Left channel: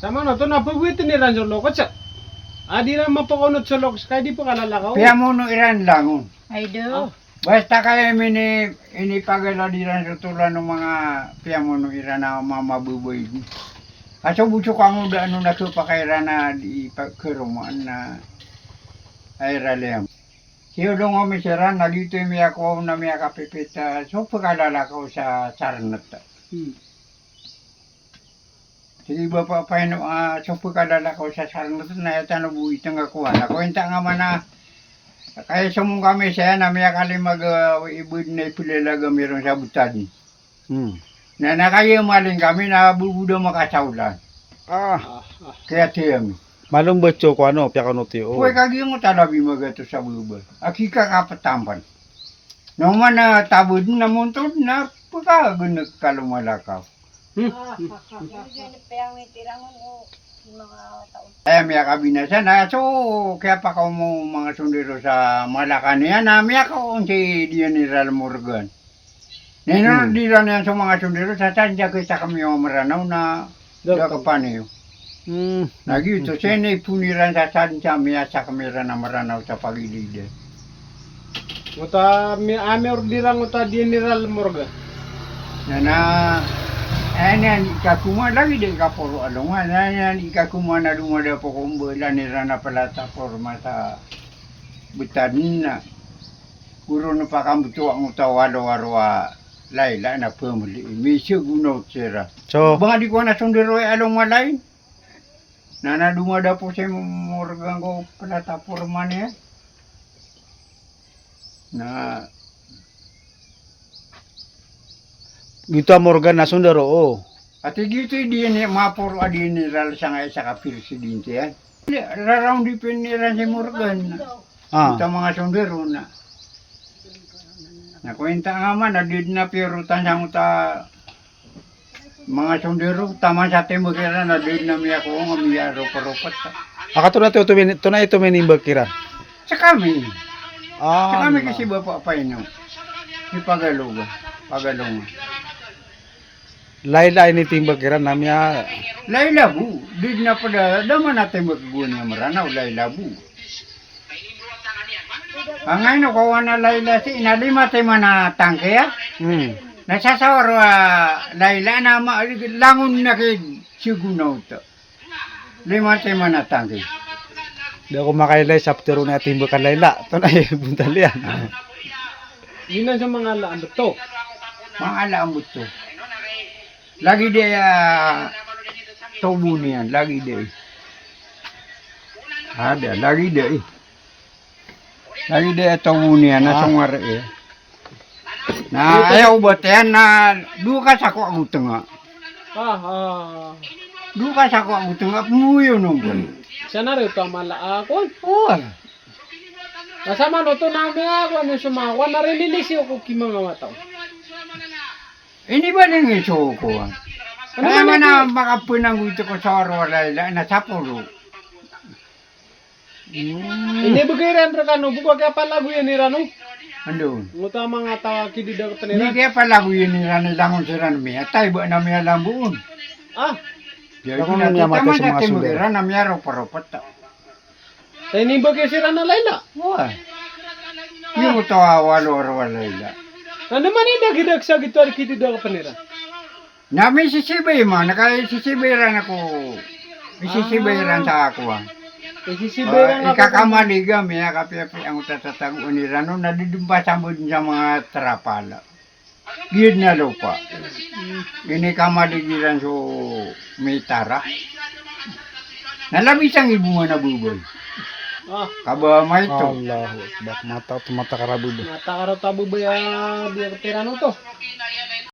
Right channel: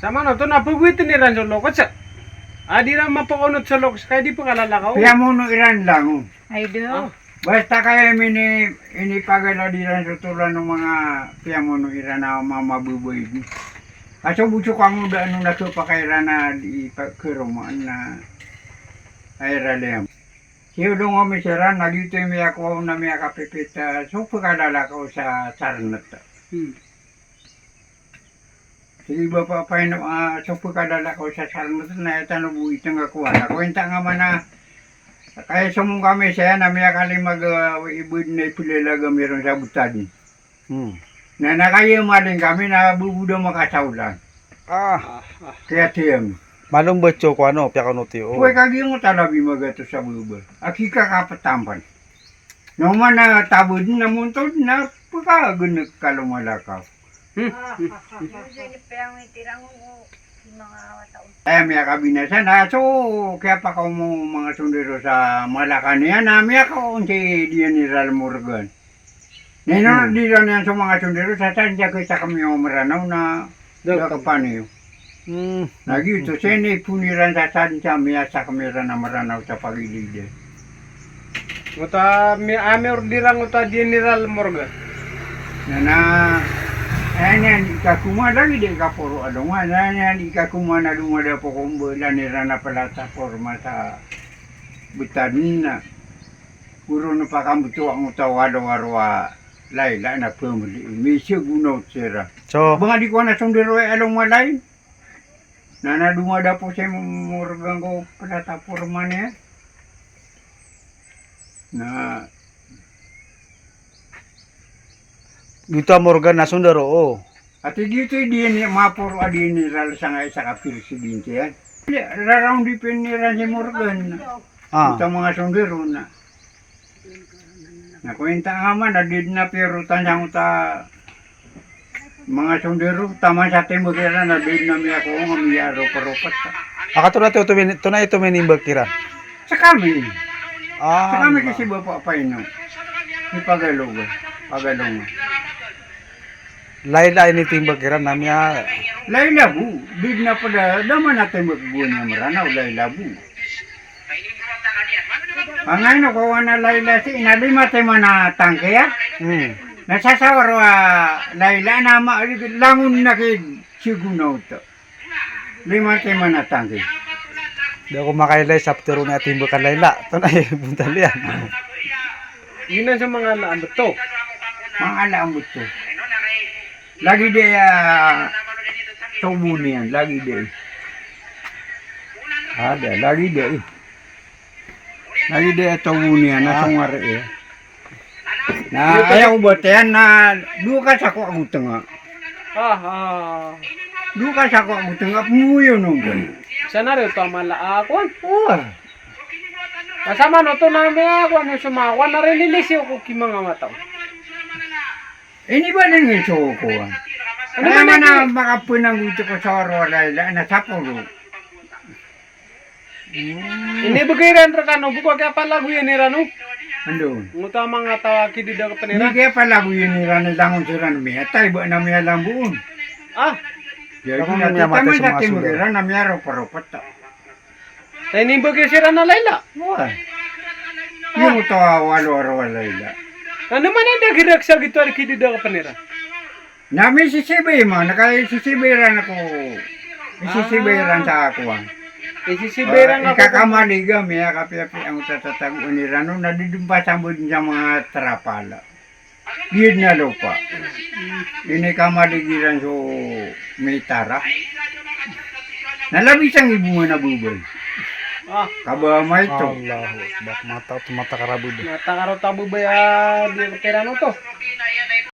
Sama no to napawitin ni Ranjo Lokot sa. Adi na mapakunot sa Lokot kaya di pa kalalakaw. Kaya mo no iran lang. Oh. Ay do. Basta kaya inipagala di rin sa tulan ng mga piyamono iran na mamabuboy. Aso bucho ka mo da ano na to pa kay rana di pagkirumaan na ay ralem. Siyo dong kami siran, nagito yung ako na may kapipit so pagkalala ko sa sarnat. Sige ba pa pa yun, so pagkalala ko sa sarnat na ito na buwit ng akuan. Nakwenta nga man na kaya sumong kami siya na may akali mag-ibud na ipilalaga meron sa butani. Na nakayamaling kami na bubudo makasaulan. Kaya tiyang. Malum becho ko ano, piya kono ti. Kuwi kagi mo talabi magato sa bubo. Aki ka kapatampan. No man na tabod na muntod na pagkagunag kalumalakaw. Ay may kabinasa na so kaya pa ko mo mga sundero sa Malacan yan na may ako si General Morgan. Nino di lang yan sa mga sundero sa tanda ko sa kami maranaw na kapaniyo. Lagi ito siya na ipuniran sa tanda miya sa kamera na maranaw sa pagilid. Muta mi amer dirang uta General Morgan. Na ayan ikakuma lagi din ka puro alungan. Ayan ikakuma na lumada po kung bala nila na pala sa forma sa butanin na. Puro na pa kamuto ang utawalo-warwa layla na pumuli. Misyo gunaw sira. So, Baka di ko na sundero ay along malay. Na lumada po siya murgang ko pala sa forma niya. Na dito Morgan na sundaro oh. at dito di niya mapuro adiniral sa nga isa ka presidente yan. Raraw di piniran si Morgan. Ito mga sundero na. Nakwenta nga man, nadid na pero tanjang ta mga sundero, tama sa timugera, nadid na miya ko nga miya ropa-ropat. Akato na to na ito menimbag kira. Sa kami. Sa kami Ah. kasi bapa pa ino. Di Pagalunga. Pagalunga. Laila ini timbag kira namya. Laylabu, big na pala, daman natin magbunya maranaw, laylabu. Ang ano ko na layla si inalima tayo na tangke ya. Nasasawar layla na langun na kid sigunaw to. Lima tayo na tangke. Di ako makailay sa ptero na timbag ka Laila. Ito na buntal yan. Yun na sa mga laan to. Mga alam mo to. Lagi de tubo niyan, lagi de. Ada, lagi de. Lagi de tubo niyan, nasungara eh. Na ayaw ba yan na duka sa ko ang tanga. Duka sa ko ang tanga, muyo nung. Sana rin ito ang malaakon. Oh. Kasama no to namin ako ano sumawa na relilis ko kimang mataw. Ini ba nang iso ko? Ano ba na makapunang ito ko sa Orwala na sapuro? Ini bugay rin ka no buko kaya pala guyan ni Rano. Andun. Nguta mga tawaki di daw Hindi panira. kaya pala ko yun nila na langon sila na miya. Tayo ba na miya lang buon? Jadi Ako na niya matay sa mga tama sulit. na miya ropa-ropat ta. Tayo ni bugay si Rana Layla. Wah. Yung ito walo-walo ila. Ano man yung dagidag sa gitu ari kidi daw panira. Nami sisibay mo, nakasisibayran ako. Isisibayran sa ako. Isisiberang ako. Ikakamaliga, miya kapi-api ang tatatag unirano, nadidumpa sa sa mga trapala. Gid na lupa. Ini kamaligiran so may tara. Nalabis ang ibu mo na bubol. Kaba may ito. Allahu Akbar. Mata karabud. Mata karo tabu ba di Rano to.